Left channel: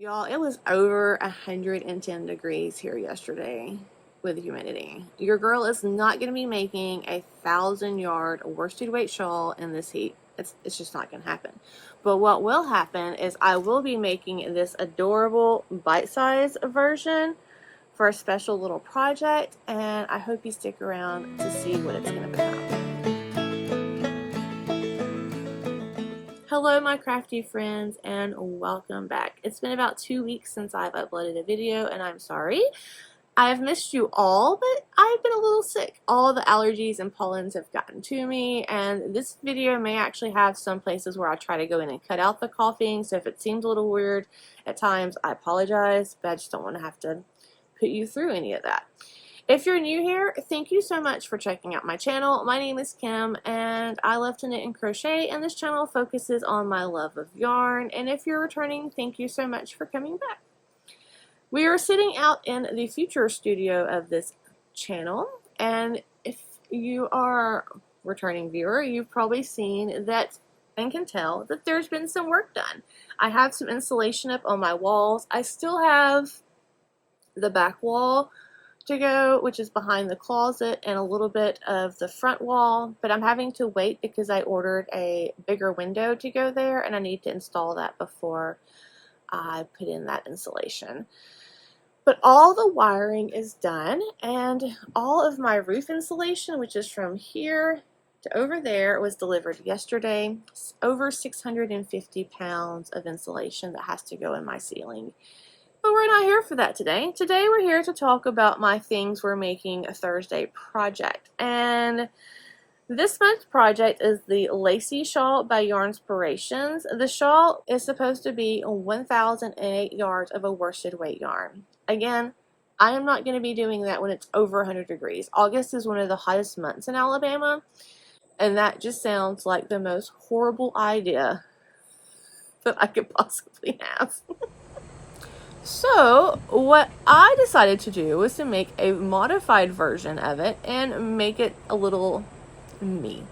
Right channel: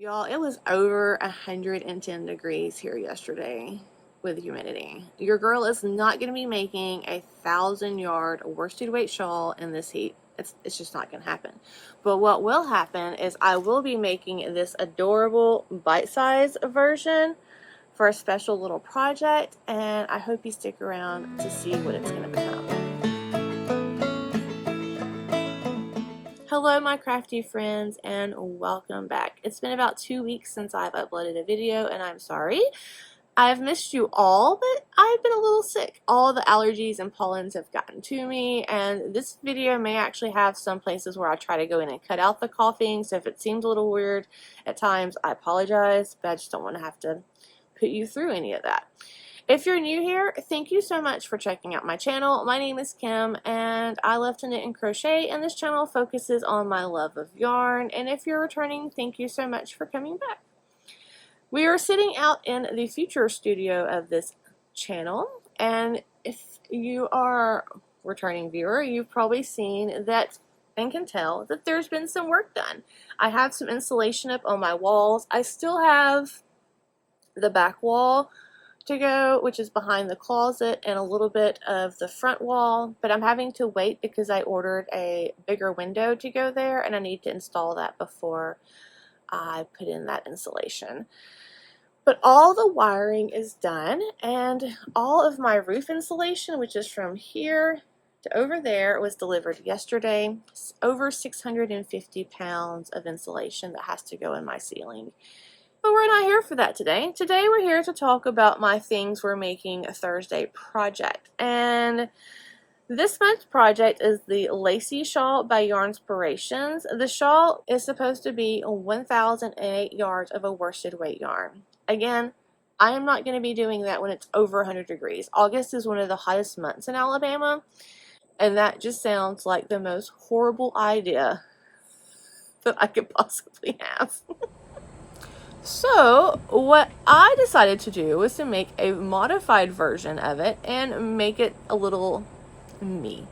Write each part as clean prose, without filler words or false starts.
Y'all, it was over 110 degrees here yesterday with humidity. Your girl is not going to be making a 1,000-yard worsted weight shawl in this heat. It's just not going to happen. But what will happen is I will be making this adorable bite-sized version for a special little project, and I hope you stick around to see what it's going to become. Hello my crafty friends, and welcome back. It's been about 2 weeks since I've uploaded a video, and I'm sorry. I've missed you all, but I've been a little sick. All the allergies and pollens have gotten to me, and this video may actually have some places where I try to go in and cut out the coughing, so if it seems a little weird at times, I apologize, but I just don't want to have to put you through any of that. If you're new here, thank you so much for checking out my channel. My name is Kim, and I love to knit and crochet, and this channel focuses on my love of yarn. And if you're returning, thank you so much for coming back. We are sitting out in the future studio of this channel, and if you are a returning viewer, you've probably seen that and can tell that there's been some work done. I have some insulation up on my walls. I still have the back wall to go, which is behind the closet, and a little bit of the front wall, but I'm having to wait because I ordered a bigger window to go there, and I need to install that before I put in that insulation. But all the wiring is done, and all of my roof insulation, which is from here to over there, was delivered yesterday. It's over 650 pounds of insulation that has to go in my ceiling. But we're not here for that today. Today we're here to talk about my things we're making a Thursday project. And this month's project is the Lacy Shawl by Yarn-Spirations. The shawl is supposed to be 1,008 yards of a worsted weight yarn. Again, I am not going to be doing that when it's over 100 degrees. August is one of the hottest months in Alabama, and that just sounds like the most horrible idea that I could possibly have. So what I decided to do was to make a modified version of it and make it a little me.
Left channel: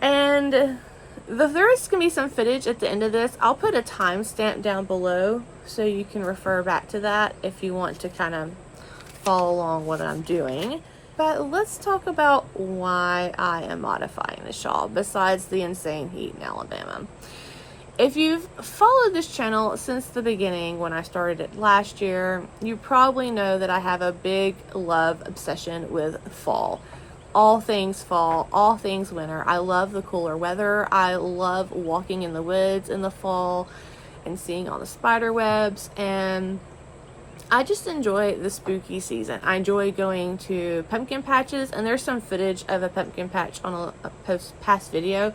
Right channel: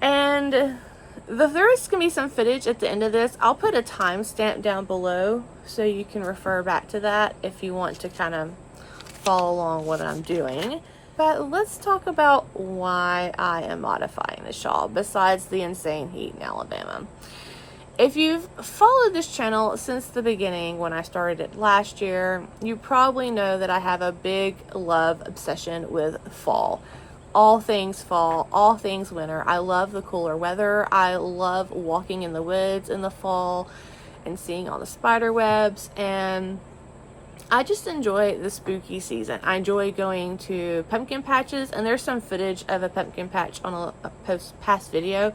And there's going to be some footage at the end of this. I'll put a timestamp down below so you can refer back to that if you want to kind of follow along what I'm doing. But let's talk about why I am modifying the shawl besides the insane heat in Alabama. If you've followed this channel since the beginning when I started it last year, you probably know that I have a big love obsession with fall. All things fall, all things winter. I love the cooler weather. I love walking in the woods in the fall and seeing all the spider webs, and I just enjoy the spooky season. I enjoy going to pumpkin patches, and there's some footage of a pumpkin patch on a past video.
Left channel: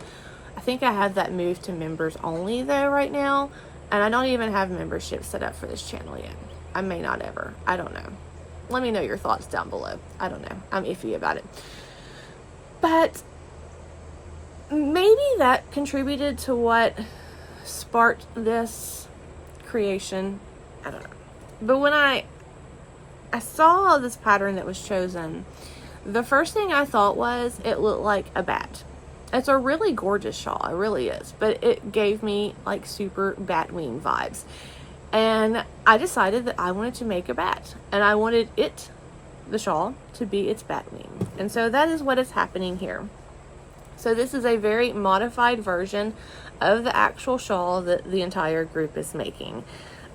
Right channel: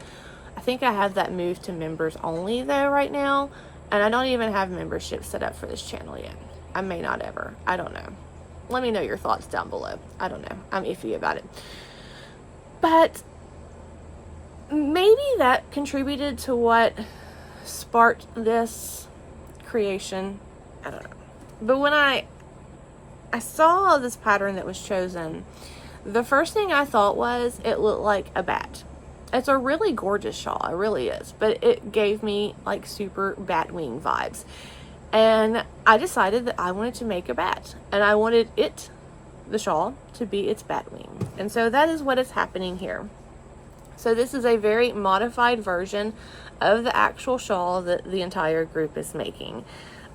I think I have that moved to members only though right now, and I don't even have membership set up for this channel yet. I may not ever. I don't know. Let me know your thoughts down below. I don't know. I'm iffy about it. But maybe that contributed to what sparked this creation. I don't know. But when I saw this pattern that was chosen, the first thing I thought was it looked like a bat. It's a really gorgeous shawl, it really is, but it gave me like super bat wing vibes. And I decided that I wanted to make a bat, and I wanted the shawl, to be its bat wing. And so that is what is happening here. So this is a very modified version of the actual shawl that the entire group is making.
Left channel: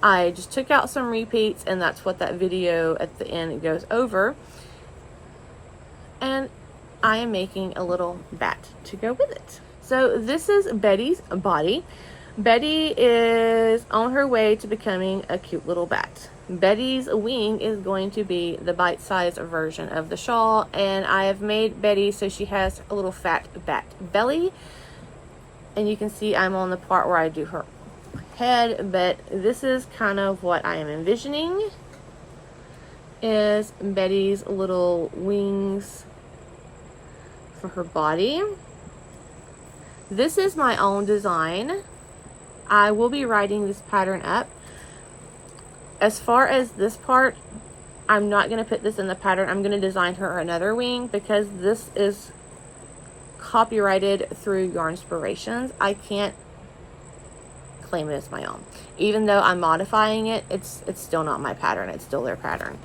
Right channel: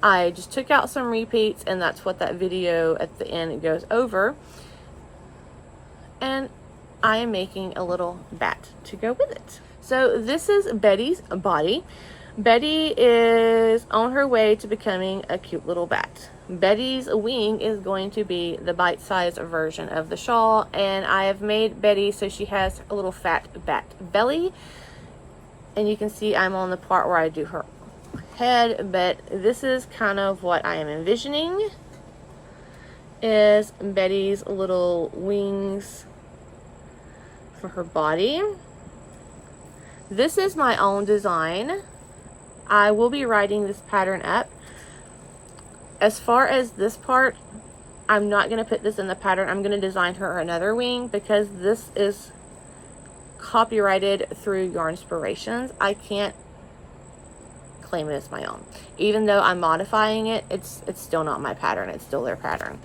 I just took out some repeats, and that's what that video at the end goes over. And I am making a little bat to go with it. So this is Betty's body. Betty is on her way to becoming a cute little bat. Betty's wing is going to be the bite-sized version of the shawl, and I have made Betty so she has a little fat bat belly. And you can see I'm on the part where I do her head, but this is kind of what I am envisioning is Betty's little wings for her body. This is my own design. I will be writing this pattern up. As far as this part, I'm not going to put this in the pattern. I'm going to design her another wing because this is copyrighted through Yarn-Spirations. I can't claim it as my own. Even though I'm modifying it, it's still not my pattern. It's still their pattern.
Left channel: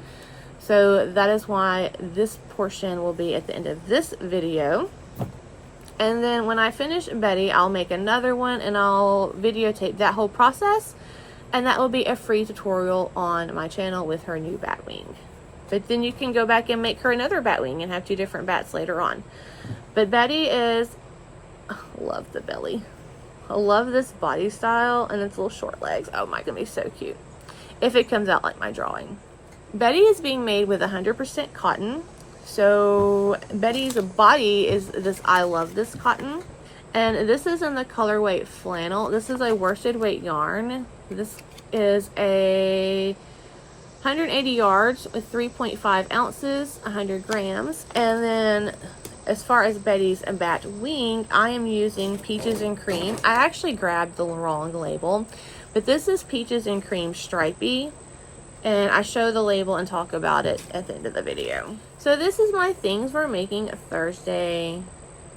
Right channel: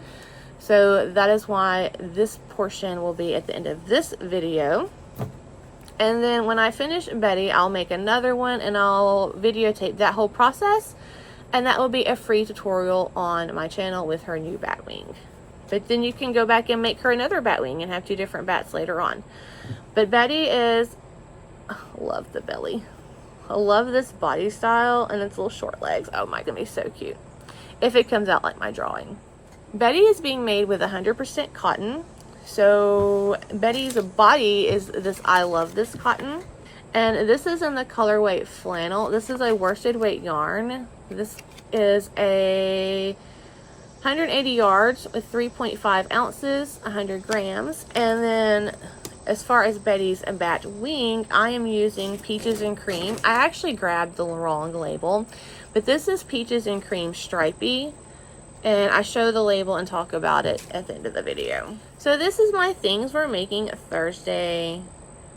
So that is why this portion will be at the end of this video. And then when I finish Betty, I'll make another one and I'll videotape that whole process. And that will be a free tutorial on my channel with her new bat wing. But then you can go back and make her another bat wing and have 2 different bats later on. But Betty is, I love the belly. I love this body style and its little short legs. Oh my, gonna be so cute if it comes out like my drawing. Betty is being made with 100% cotton. So Betty's body is this I love this cotton. And this is in the colorway flannel. This is a worsted weight yarn. This is a 180 yards with 3.5 ounces, 100 grams. And then as far as Betty's bat wing, I am using Peaches and Cream. I actually grabbed the wrong label, but this is Peaches and Cream Stripey. And I show the label and talk about it at the end of the video. So this is my things we're making Thursday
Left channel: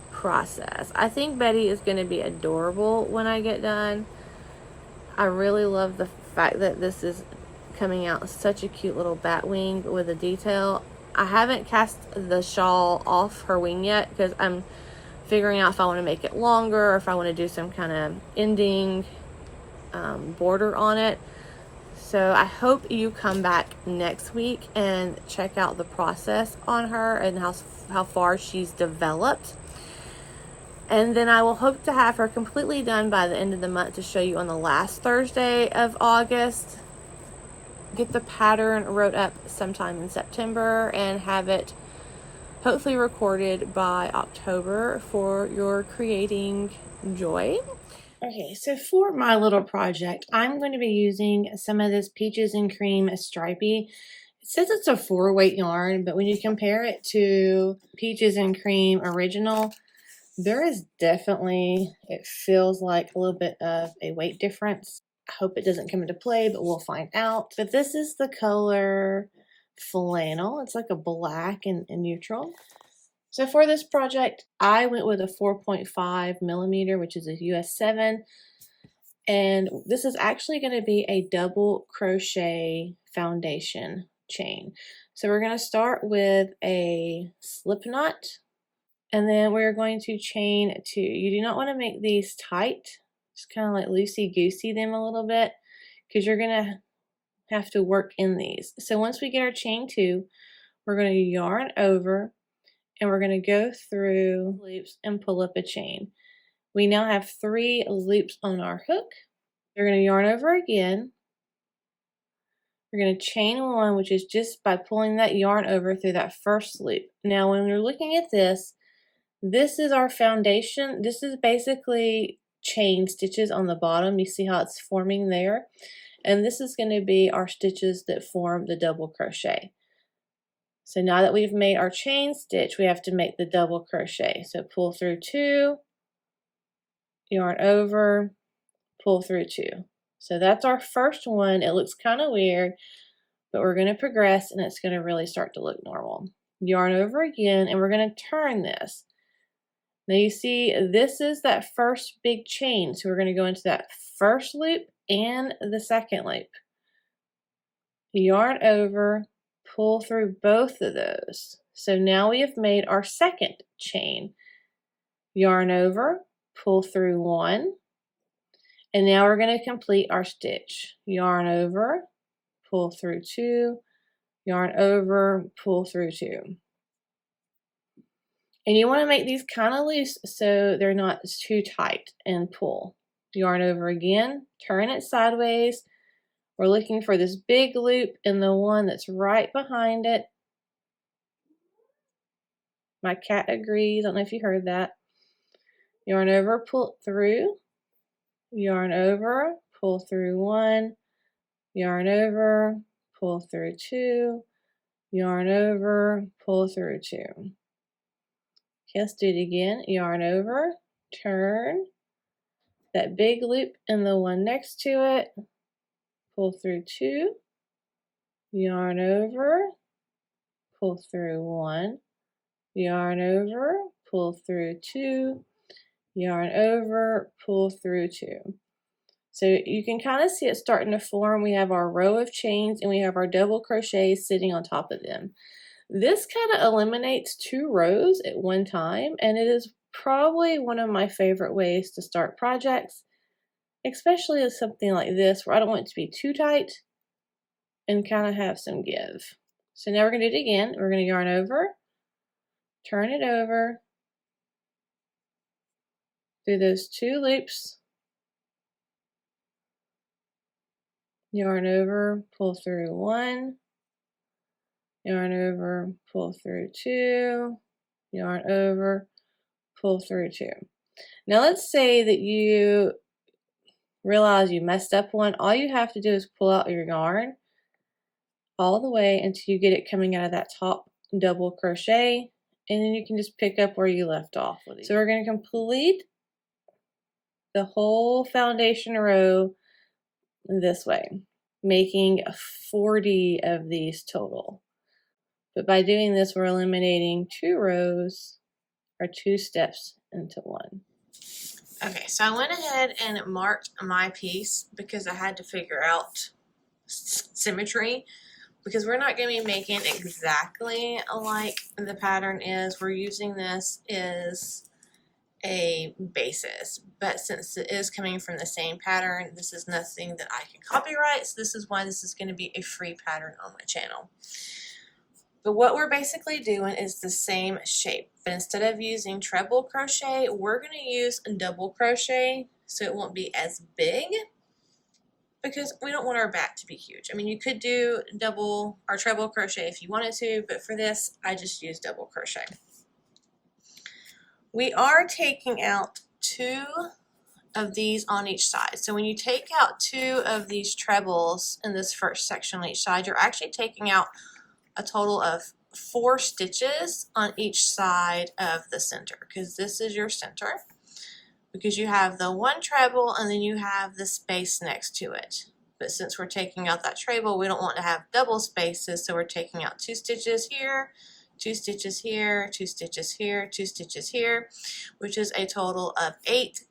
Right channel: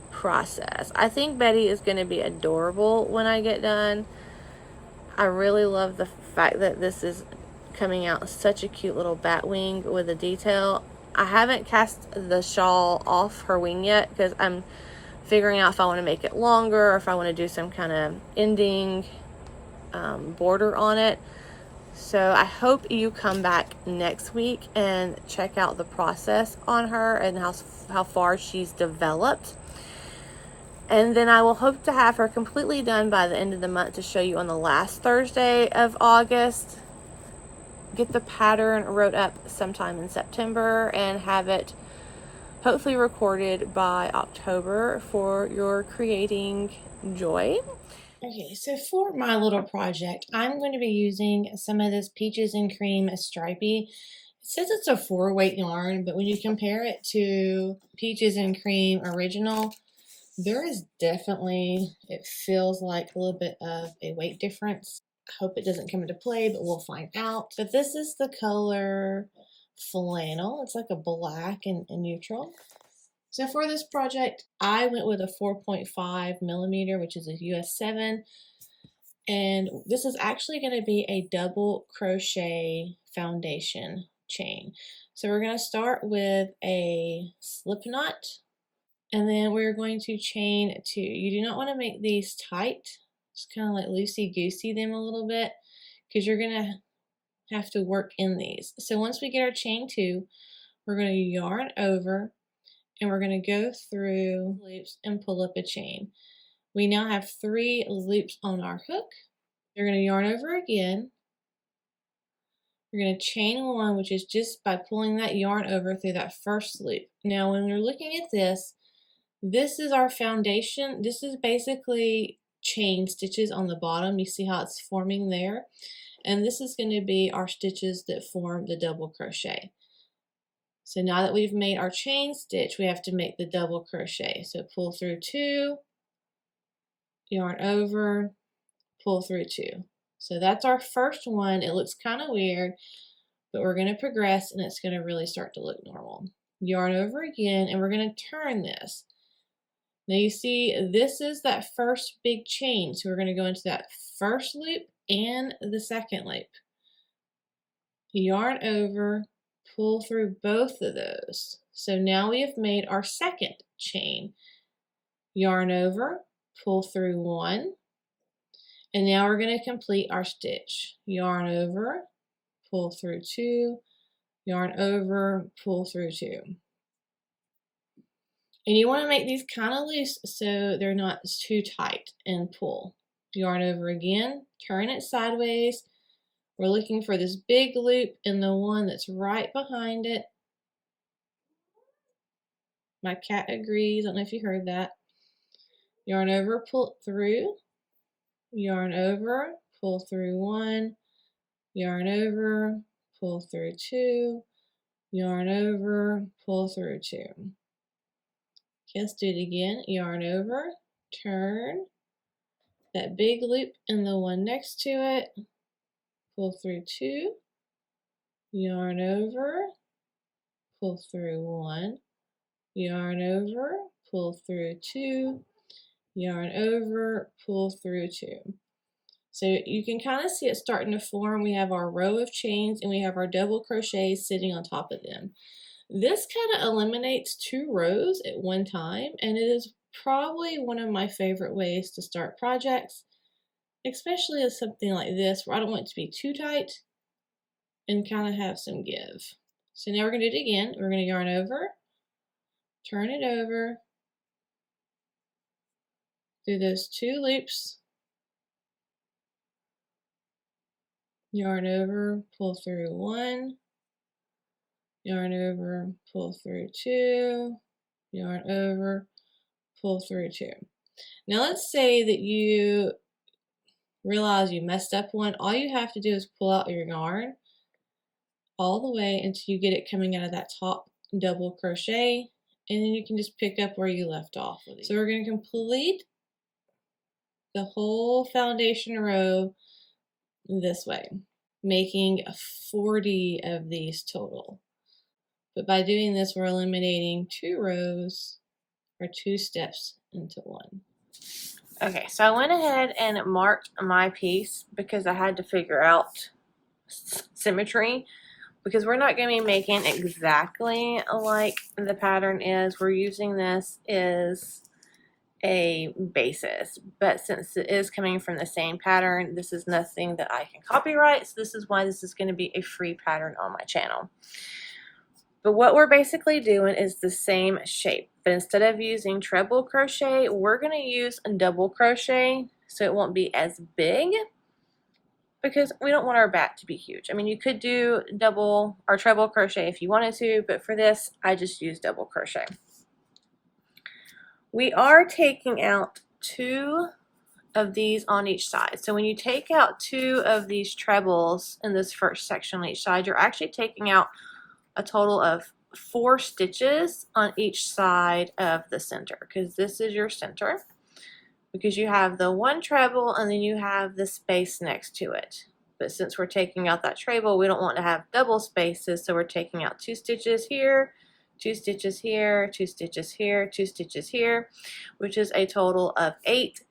process. I think Betty is going to be adorable when I get done. I really love the fact that this is coming out such a cute little bat wing with a detail. I haven't cast the shawl off her wing yet because I'm figuring out if I want to make it longer or if I want to do some kind of ending border on it. So I hope you come back next week and check out the process on her and how far she's developed. And then I will hope to have her completely done by the end of the month to show you on the last Thursday of August. Get the pattern wrote up sometime in September and have it hopefully recorded by October for your creating joy. Okay, so for my little project, I'm going to be using some of this Peaches and Cream Stripey. It says it's a 4-weight yarn, but when you compare it to Peaches and Cream Original, there is definitely, it feels like a little bit of a weight difference. I hope it doesn't come into play, but we'll find out. But this is the color Flannel. It's like a black and neutral. So for this project, I went with a 4.5 millimeter, which is a US 7. And this is actually going to be a double crochet foundation chain. So we're going to start with a slip knot. And then we're going to chain 2. You do not want to make these tight. Just kind of like loosey-goosey them a little bit because you're going to have to work in these. So once we get our chain 2, we're going to yarn over and we're going to go through loops and pull up a chain. We now have 3 loops on our hook. We're going to yarn over again. We're going to chain 1, which is just by pulling that yarn over through that first loop. Now when you're looking at this is our foundation. This is basically chain stitches on the bottom. You see how it's forming there? And this is going to be our stitches that form the double crochet. So now that we've made our chain stitch, we have to make the double crochet. So pull through 2, yarn over, pull through 2. So that's our first one. It looks kind of weird, but we're going to progress and it's going to really start to look normal. Yarn over again, and we're going to turn this. Now you see, this is that first big chain. So we're going to go into that first loop and the second loop. Yarn over, pull through both of those. So now we have made our second chain. Yarn over, pull through 1. And now we're going to complete our stitch. Yarn over, pull through 2. Yarn over, pull through 2. And you want to make these kind of loose so they're not too tight, and pull. Yarn over again, turn it sideways. We're looking for this big loop and the one that's right behind it. My cat agrees. I don't know if you heard that. Yarn over, pull through. Yarn over, pull through 1. Yarn over, pull through 2. Yarn over, pull through 2. Okay, let's do it again. Yarn over, turn, that big loop and the one next to it, pull through 2, yarn over, pull through 1, yarn over, pull through 2, yarn over, pull through 2. So you can kind of see it starting to form. We have our row of chains and we have our double crochets sitting on top of them. This kind of eliminates 2 rows at one time, and it is probably one of my favorite ways to start projects, especially with something like this where I don't want it to be too tight and kind of have some give. So now we're going to do it again. We're going to yarn over, turn it over, do those 2 loops, yarn over, pull through 1, yarn over, pull through 2, yarn over, pull through 2. Now let's say that you realize you messed up one. All you have to do is pull out your yarn all the way until you get it coming out of that top double crochet, and then you can just pick up where you left off with it. So we're going to complete the whole foundation row this way, making 40 of these total. But by doing this, we're eliminating 2 rows or 2 steps into one. Okay, so I went ahead and marked my piece because I had to figure out symmetry, because we're not going to be making exactly like the pattern is. We're using this as a basis, but since it is coming from the same pattern, this is nothing that I can copyright, so this is why this is going to be a free pattern on my channel. But what we're basically doing is the same shape, but instead of using treble crochet, we're going to use a double crochet so it won't be as big, because we don't want our back to be huge. I mean, you could do double or treble crochet if you wanted to, but for this, I just use double crochet. We are taking out 2 of these on each side. So when you take out 2 of these trebles in this first section on each side, you're actually taking out a total of 4 stitches on each side of the center, because this is your center, because you have the 1 treble and then you have the space next to it. But since we're taking out that treble, we don't want to have double spaces, so we're taking out 2 stitches here, 2 stitches here, 2 stitches here, 2 stitches here, which is a total of 8.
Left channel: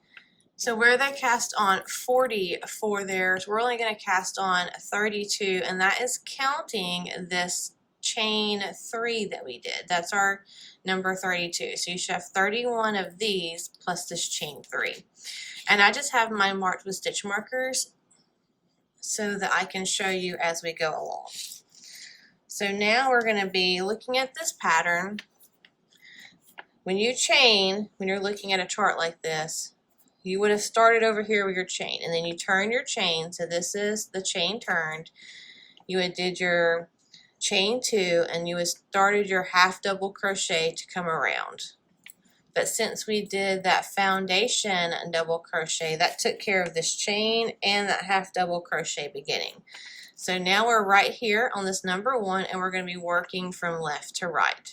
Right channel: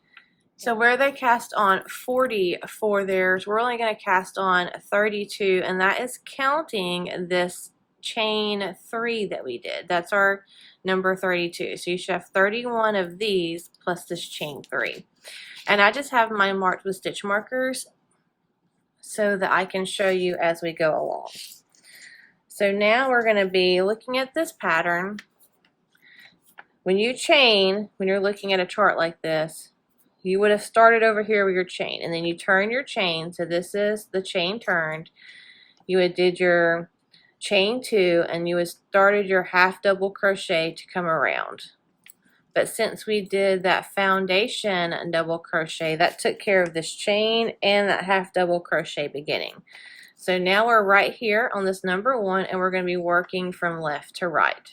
So where they cast on 40 for theirs, we're only going to cast on 32, and that is counting this chain 3 that we did. That's our number 32. So you should have 31 of these plus this chain 3. And I just have mine marked with stitch markers so that I can show you as we go along. So now we're going to be looking at this pattern. When you chain, when you're looking at a chart like this, you would have started over here with your chain, and then you turn your chain. So this is the chain turned. You would did your chain 2, and you would started your half double crochet to come around. But since we did that foundation double crochet, that took care of this chain and that half double crochet beginning. So now we're right here on this number 1, and we're going to be working from left to right.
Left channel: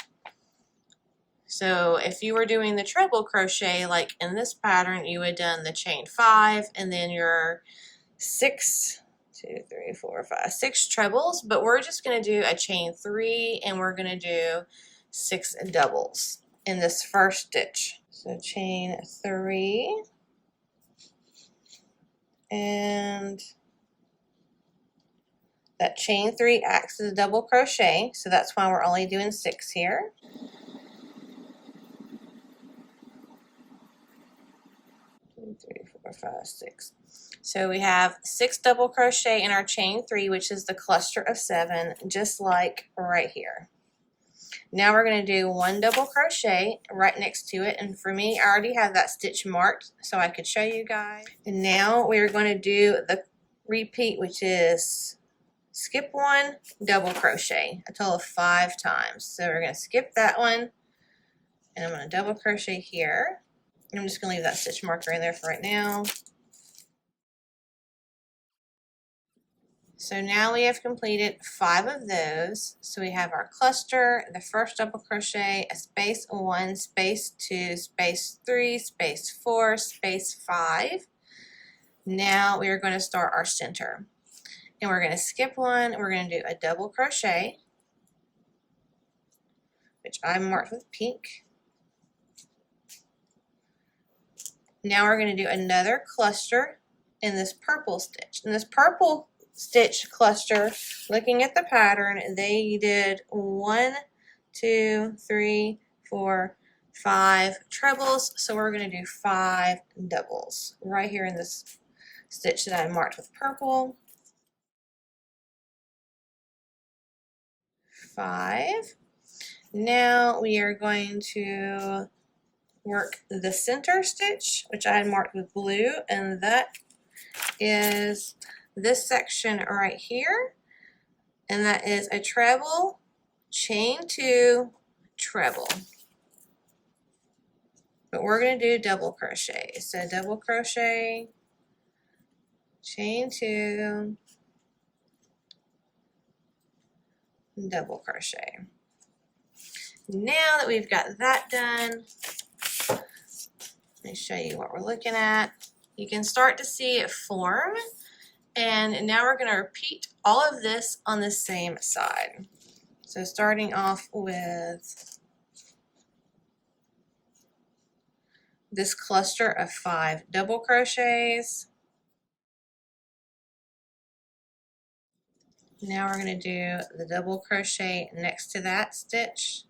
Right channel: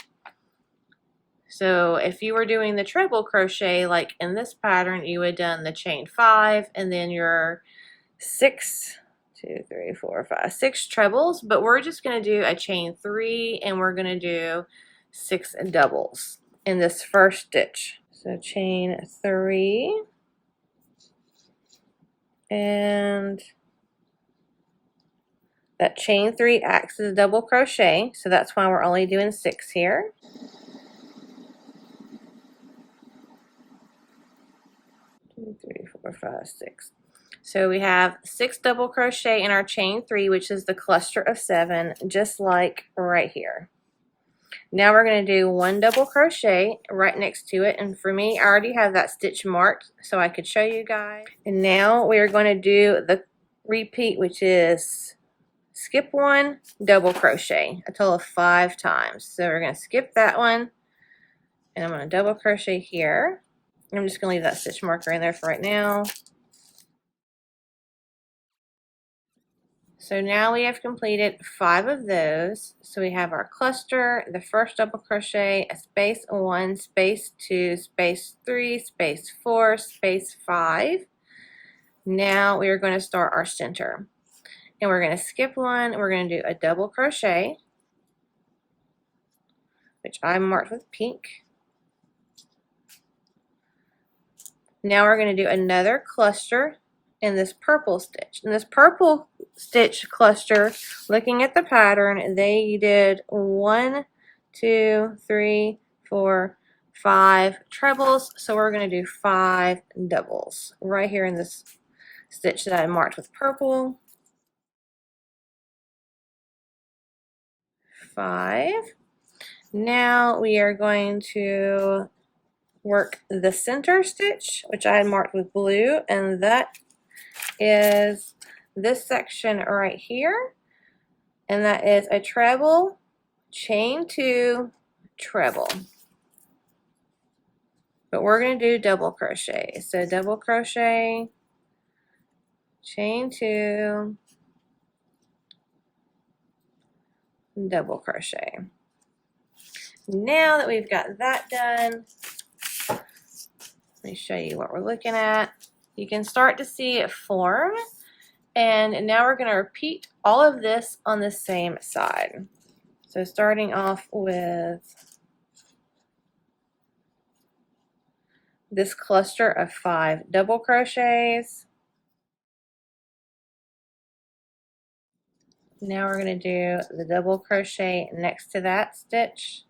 So if you were doing the treble crochet like in this pattern, you would have done the chain 5 and then your 6 trebles, but we're just going to do a chain 3 and we're going to do 6 doubles in this first stitch. So chain 3 and that chain 3 acts as a double crochet, so that's why we're only doing 6 here. Three, 4, 5, 6. So we have 6 double crochet in our chain 3, which is the cluster of 7, just like right here. Now we're going to do 1 double crochet right next to it, and for me, I already have that stitch marked so I could show you guys. And now we're going to do the repeat, which is skip 1, double crochet, a total of 5 times. So we're going to skip that one, and I'm going to double crochet here. I'm just going to leave that stitch marker in there for right now. So now we have completed 5 of those. So we have our cluster, the first double crochet, a space 1, space 2, space 3, space 4, space 5. Now we are going to start our center. And we're going to skip 1, we're going to do a double crochet, which I marked with pink. Now we're going to do another cluster in this purple stitch. In this purple stitch cluster, looking at the pattern, they did 1, 2, 3, 4, 5 trebles. So we're going to do 5 doubles right here in this stitch that I marked with purple. 5. Now we are going to work the center stitch, which I marked with blue, and that is this section right here, and that is a treble, chain 2, treble. But we're going to do double crochet. So double crochet, chain 2, double crochet. Now that we've got that done, let me show you what we're looking at. You can start to see it form, and now we're going to repeat all of this on the same side. So starting off with this cluster of 5 double crochets. Now we're going to do the double crochet next to that stitch.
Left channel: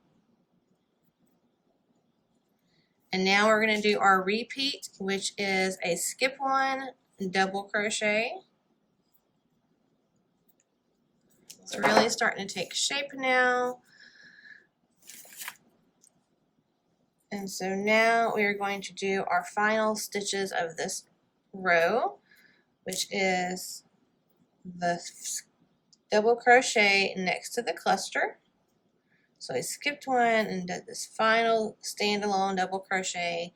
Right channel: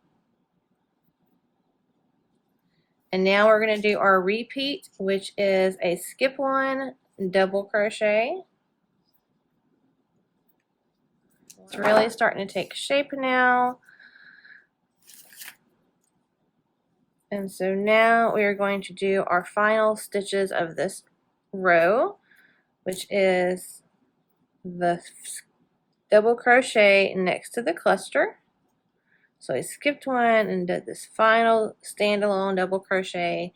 And now we're going to do our repeat, which is a skip 1, double crochet. It's really starting to take shape now. And so now we are going to do our final stitches of this row, which is the double crochet next to the cluster. So I skipped 1 and did this final standalone double crochet,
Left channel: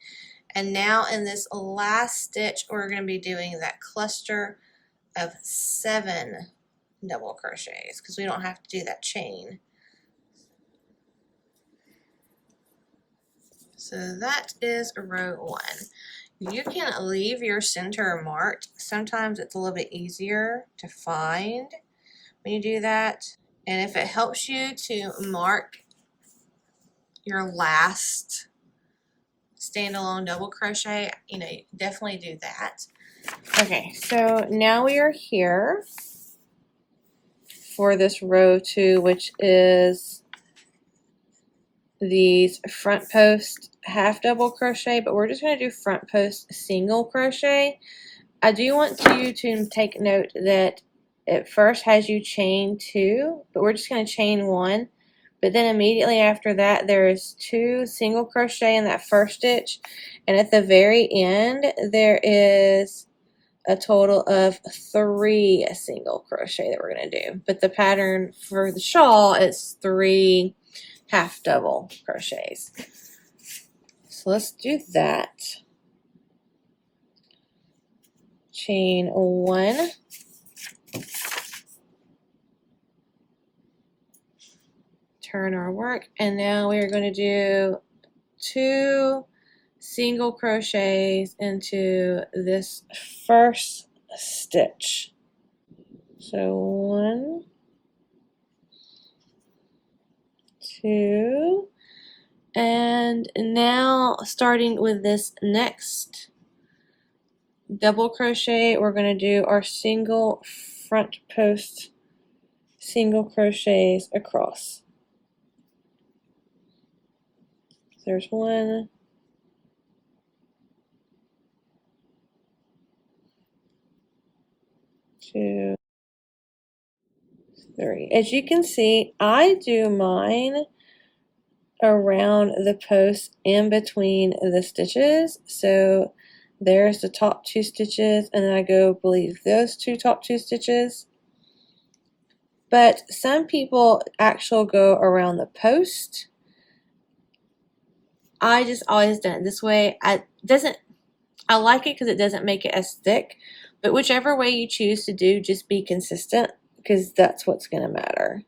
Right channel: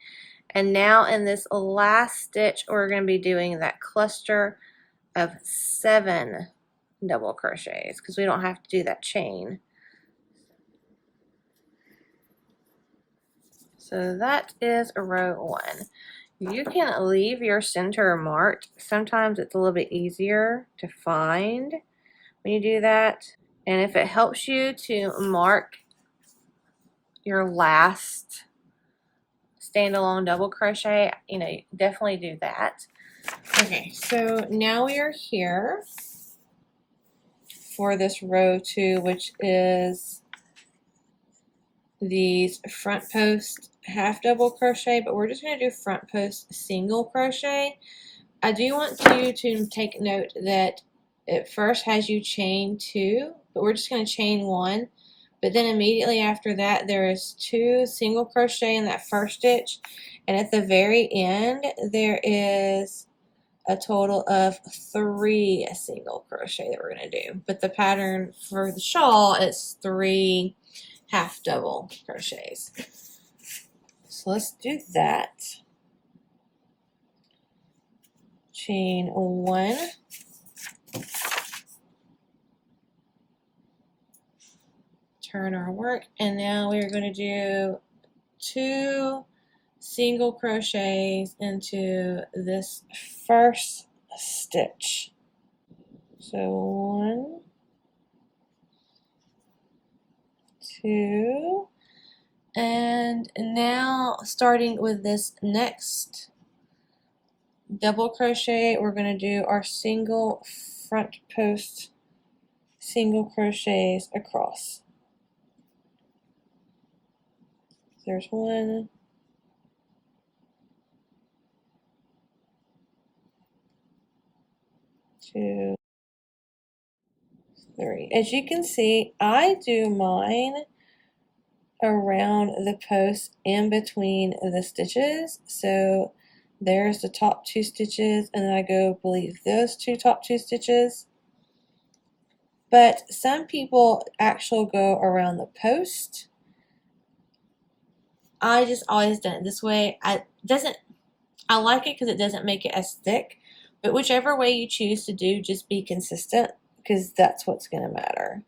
and now in this last stitch we're going to be doing that cluster of 7 double crochets because we don't have to do that chain. So that is row 1. You can leave your center marked. Sometimes it's a little bit easier to find when you do that. And if it helps you to mark your last standalone double crochet, definitely do that. Okay, so now we are here for this row 2, which is these front post half double crochet, but we're just going to do front post single crochet. I do want you to take note that it first has you chain 2, but we're just going to chain 1, but then immediately after that there is 2 single crochet in that first stitch, and at the very end there is a total of 3 single crochet that we're going to do. But the pattern for the shawl is 3 half double crochets. So let's do that. Chain 1, turn our work, and now we are going to do 2 single crochets into this first stitch. So 1, 2, and now starting with this next double crochet, we're going to do our single front post single crochets across. There's 1, 2, 3. As you can see, I do mine around the post in between the stitches. So there's the top 2 stitches, and then I go believe those top 2 stitches. But some people actually go around the post. I just always done it this way. I like it because it doesn't make it as thick, but whichever way you choose to do, just be consistent, because that's what's going to matter.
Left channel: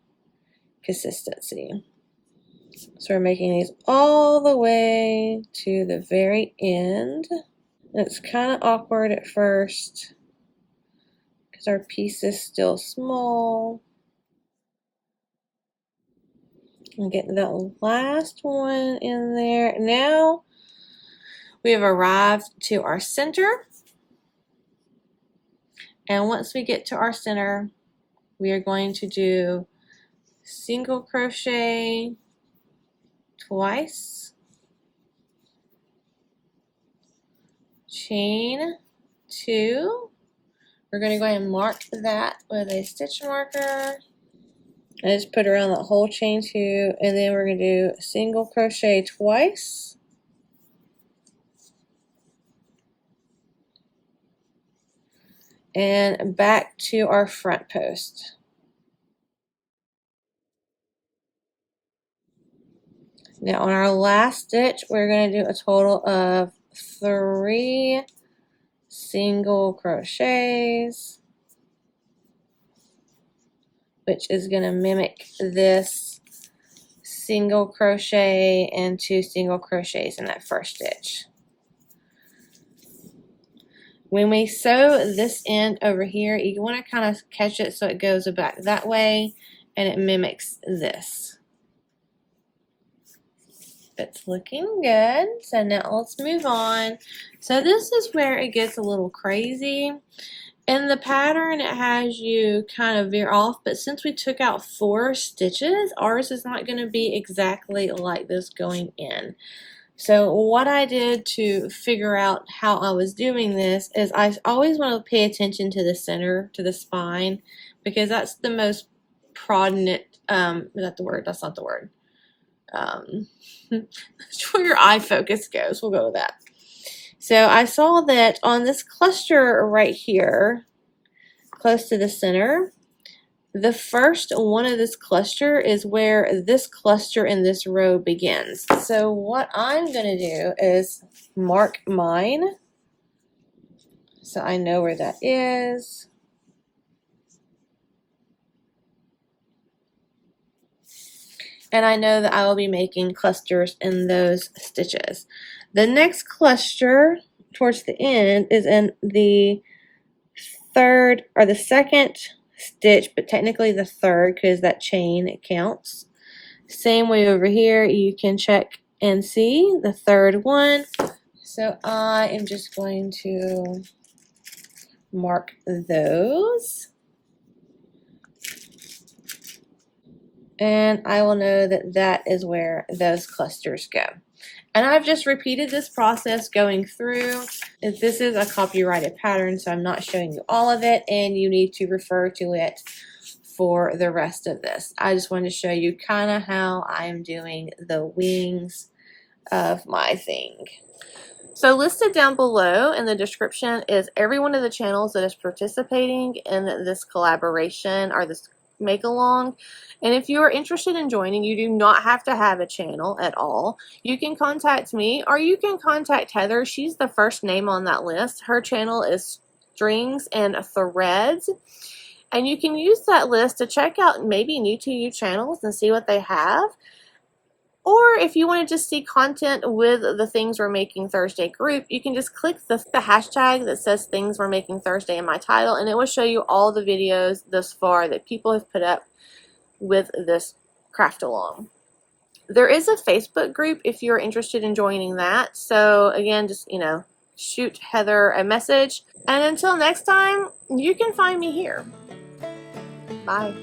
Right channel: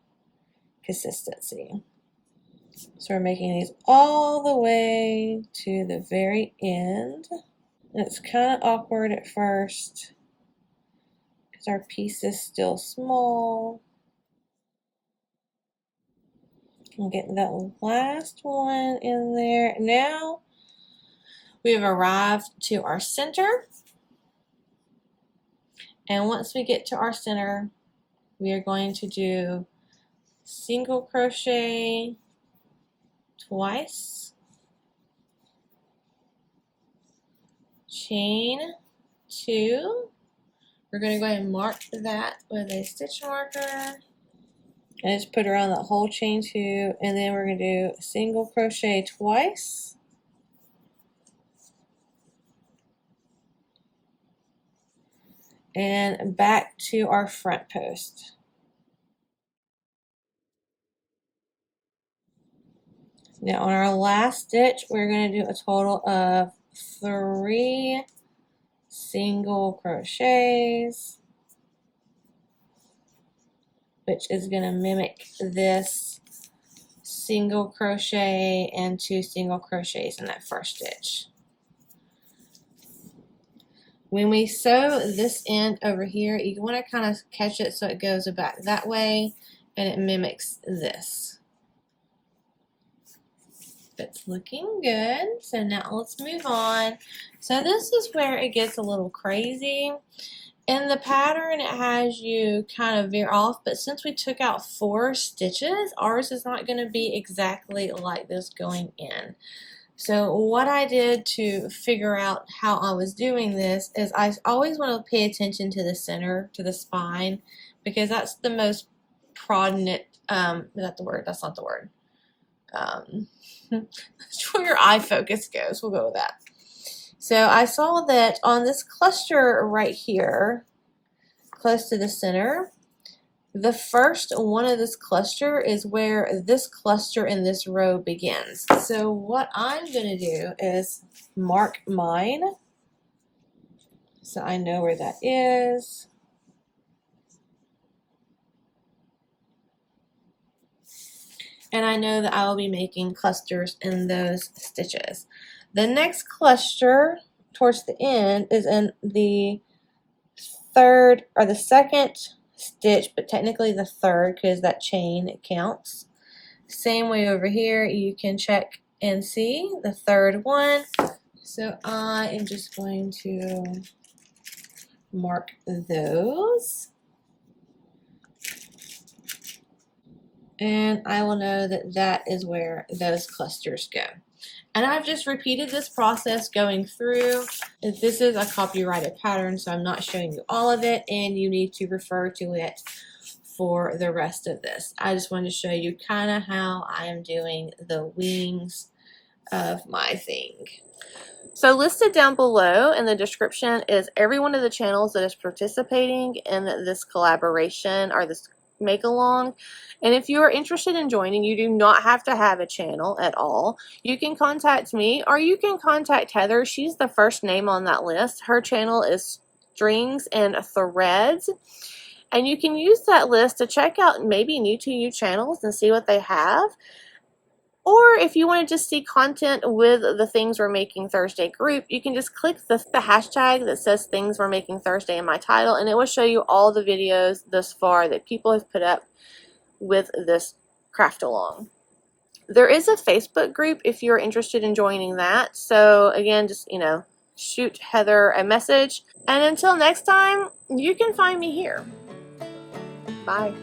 Consistency. So we're making these all the way to the very end. And it's kind of awkward at first because our piece is still small. I'm getting that last one in there. Now we have arrived to our center. And once we get to our center, we are going to do single crochet twice, chain 2. We're going to go ahead and mark that with a stitch marker. I just put around that whole chain 2, and then we're going to do single crochet twice. And back to our front post. Now on our last stitch, we're going to do a total of 3 single crochets, which is going to mimic this single crochet and 2 single crochets in that first stitch. When we sew this end over here, you want to kind of catch it so it goes back that way and it mimics this. It's looking good. So now let's move on. So this is where it gets a little crazy. In the pattern, it has you kind of veer off, but since we took out 4 stitches, ours is not going to be exactly like this going in. So what I did to figure out how I was doing this is I always want to pay attention to the center, to the spine, because that's the most prominent, is that the word? That's not the word. That's where your eye focus goes. We'll go with that. So I saw that on this cluster right here, close to the center, the first one of this cluster is where this cluster in this row begins. So what I'm going to do is mark mine so I know where that is. And I know that I will be making clusters in those stitches. The next cluster towards the end is in the third or the second stitch, but technically the third because that chain, it counts. Same way over here, you can check and see the third one. So I am just going to mark those. And I will know that that is where those clusters go. And I've just repeated this process going through. This is a copyrighted pattern, so I'm not showing you all of it, and you need to refer to it for the rest of this. I just wanted to show you kind of how I am doing the wings of my thing. So listed down below in the description is every one of the channels that is participating in this collaboration or this make along. And if you are interested in joining, you do not have to have a channel at all. You can contact me or you can contact Heather. She's the first name on that list. Her channel is Strings and Threads. And you can use that list to check out maybe new to you channels and see what they have. Or if you want to just see content with the Things We're Making Thursday group, you can just click the hashtag that says Things We're Making Thursday in my title, and it will show you all the videos thus far that people have put up with this craft along. There is a Facebook group if you're interested in joining that. So again, just, shoot Heather a message. And until next time, you can find me here. Bye.